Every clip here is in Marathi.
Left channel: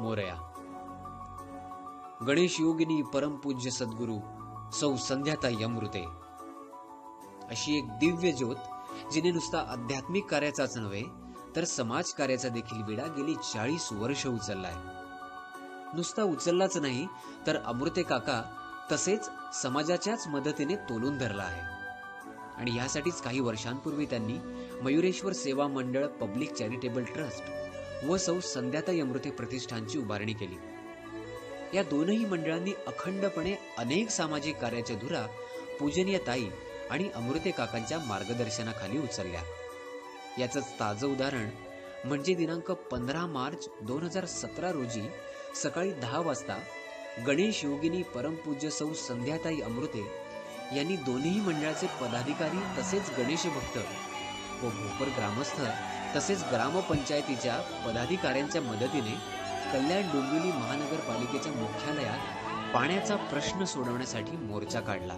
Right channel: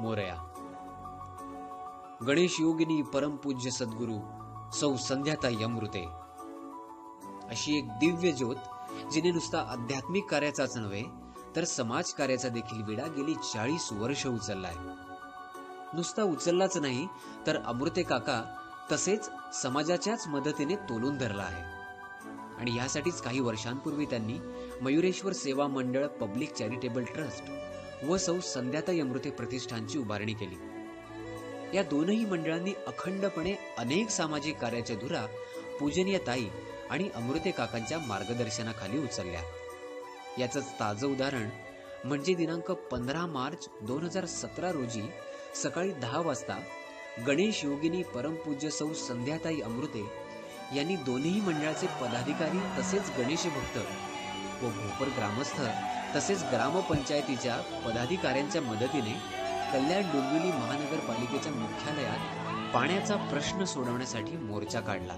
मोरया. गणेश योगिनी परमपूज्य सद्गुरू सौ संध्याताई अमृते अशी एक दिव्य ज्योत जिने नुसता आध्यात्मिक कार्याचाच नव्हे तर समाज कार्याचा देखील विडा गेली 40 वर्ष उचललाय. नुसता उचललाच नाही तर अमृते काका तसेच समाजाच्याच मदतीने तोलून धरला आहे. आणि यासाठीच काही वर्षांपूर्वी त्यांनी मयुरेश्वर सेवा मंडळ पब्लिक चॅरिटेबल ट्रस्ट व सौ संध्याताई अमृते प्रतिष्ठानची उभारणी केली. या दोनही मंडळांनी अखंडपणे अनेक सामाजिक कार्याच्या धुरा पूजनीय ताई आणि अमृते काकांच्या मार्गदर्शनाखाली उचलल्या. याचंच ताजं उदाहरण म्हणजे दिनांक 15 मार्च 2017 रोजी सकाळी 10 वाजता गणेश योगिनी परमपूज्य सौ संध्याताई अमृते यांनी दोन्ही मंडळाचे पदाधिकारी तसेच गणेश भक्त व भोपर ग्रामस्थ तसेच ग्रामपंचायतीच्या पदाधिकाऱ्यांच्या मदतीने कल्याण डोंबिवली महानगरपालिकेच्या मुख्यालयात पाण्याचा प्रश्न सोडवण्यासाठी मोर्चा काढला.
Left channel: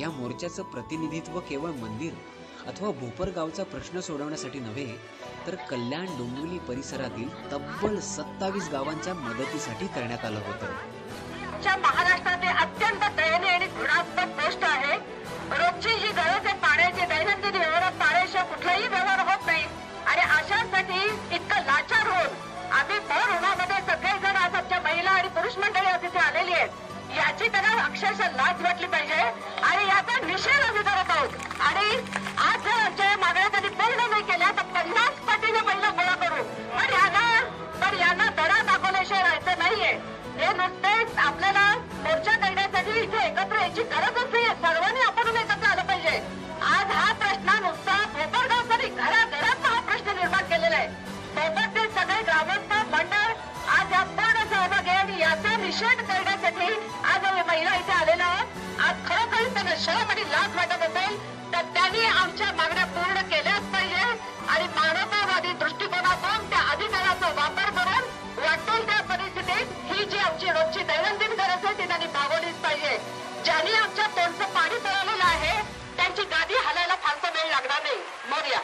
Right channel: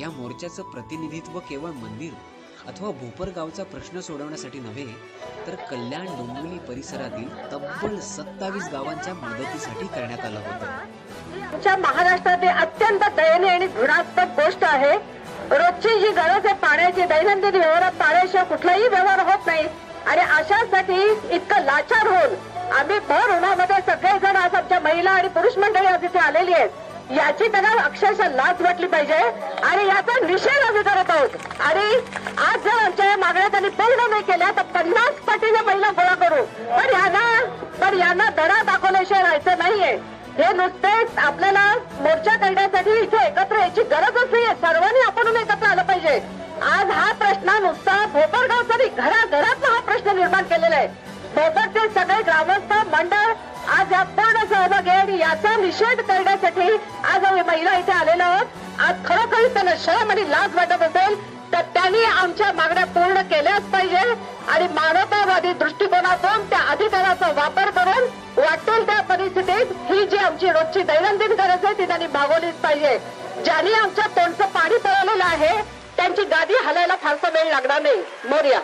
या मोर्चाचं प्रतिनिधित्व केवळ मंदिर अथवा भोपर गावचा प्रश्न सोडवण्यासाठी नव्हे तर कल्याण डोंबिवली परिसरातील तब्बल 27 गावांच्या मदतीसाठी करण्यात आलं होतं. महाराष्ट्रात अत्यंत दयनीय आणि घृणास्पद गोष्ट आहे. रोजची जी गरज आहे पाण्याची, दैनंदिन व्यवहारात पाण्याशिवाय कुठलाही व्यवहार होत नाही आणि अशासाठी इतकं लाचार होऊन आम्ही भर उन्हामध्ये सगळेजण आज आमच्या महिला आणि पुरुष मंडळी आज इथे आलेली आहेत. याची त्यांना अक्षरशः लाज वाटली पाहिजे आणि याचा निषेध आम्ही करत आहोत. आणि आज जर आमच्या मागण्या त्यांनी पूर्ण नाही केल्या तर 50 पटीने महिला गोळा करू. पण यांना धडा दाखवल्याशिवाय राहायचं नाहीये. हे नुसतेच आपल्याला मोर्चा करण्यासाठी इथे एकत्र यायची गरजच नाहीये. सर्वांनी आपण एकत्र आलं पाहिजे. आज हा प्रश्न नुसता भोपरगावचा घराघरात हा प्रश्न निर्माण केलेला आहे. भोपरचे सगळे ग्रामस्थ मंडळ आज या पूर्ण सहभागी आणि याचा निषेध करण्यासाठी आज आम्ही महिला इथे आलेलो आहोत. आज खरोखर त्यांना शरम आणि लाज वाटत असेल तर त्यांनी आमच्या मागण्या पूर्ण केल्याच पाहिजे आणि मानवतावादी दृष्टिकोनातून त्या अधिकाराचा वापर करून वाटेल त्या परिस्थितीत ही जी आमची रोजची दैनंदिन गरज आहे ती त्यांनी भागवलीच पाहिजे. ज्यांनी आमच्या तोंडचं पाणी पळवलेलं आहे त्यांची गादी हलायला फारसा वेळ लागणार नाही. मोरया.